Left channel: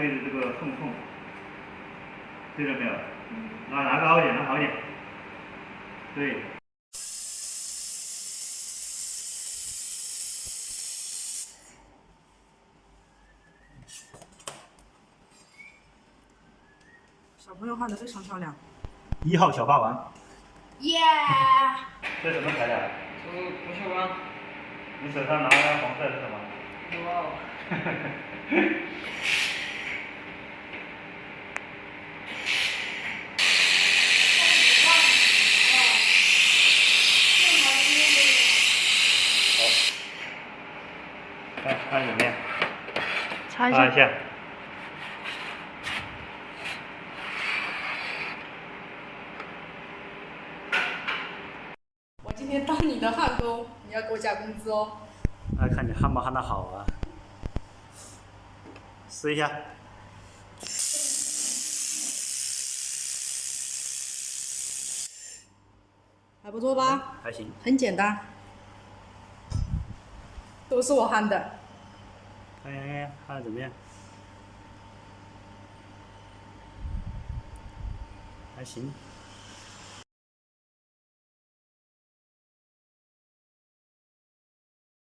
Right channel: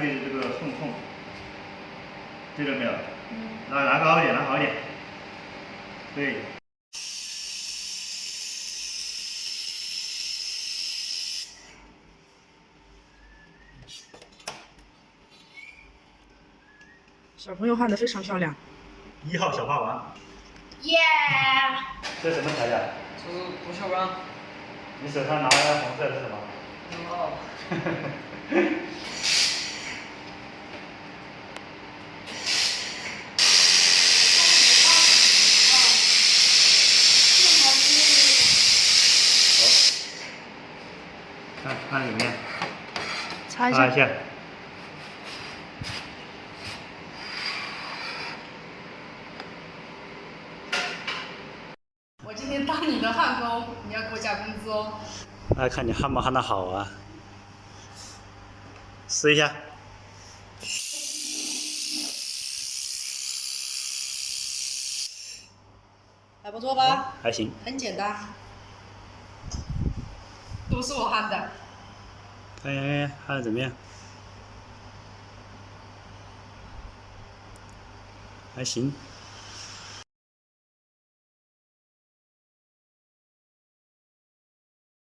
对着这个缝缝，对着没有？拿高一点，拿好一点。对。小朋友画的非常漂亮。1号小霸王。耶！这什么材料？这是不锈钢。你手上拿的红色是什么？哇！看有没有？擦一下。擦一下。我今天当你的焊工，你要给我加工资哦。那看你焊不焊得好啊。试一下。还不错吧？还行。很简单，都是我焊的。看看焊得怎么样？还行。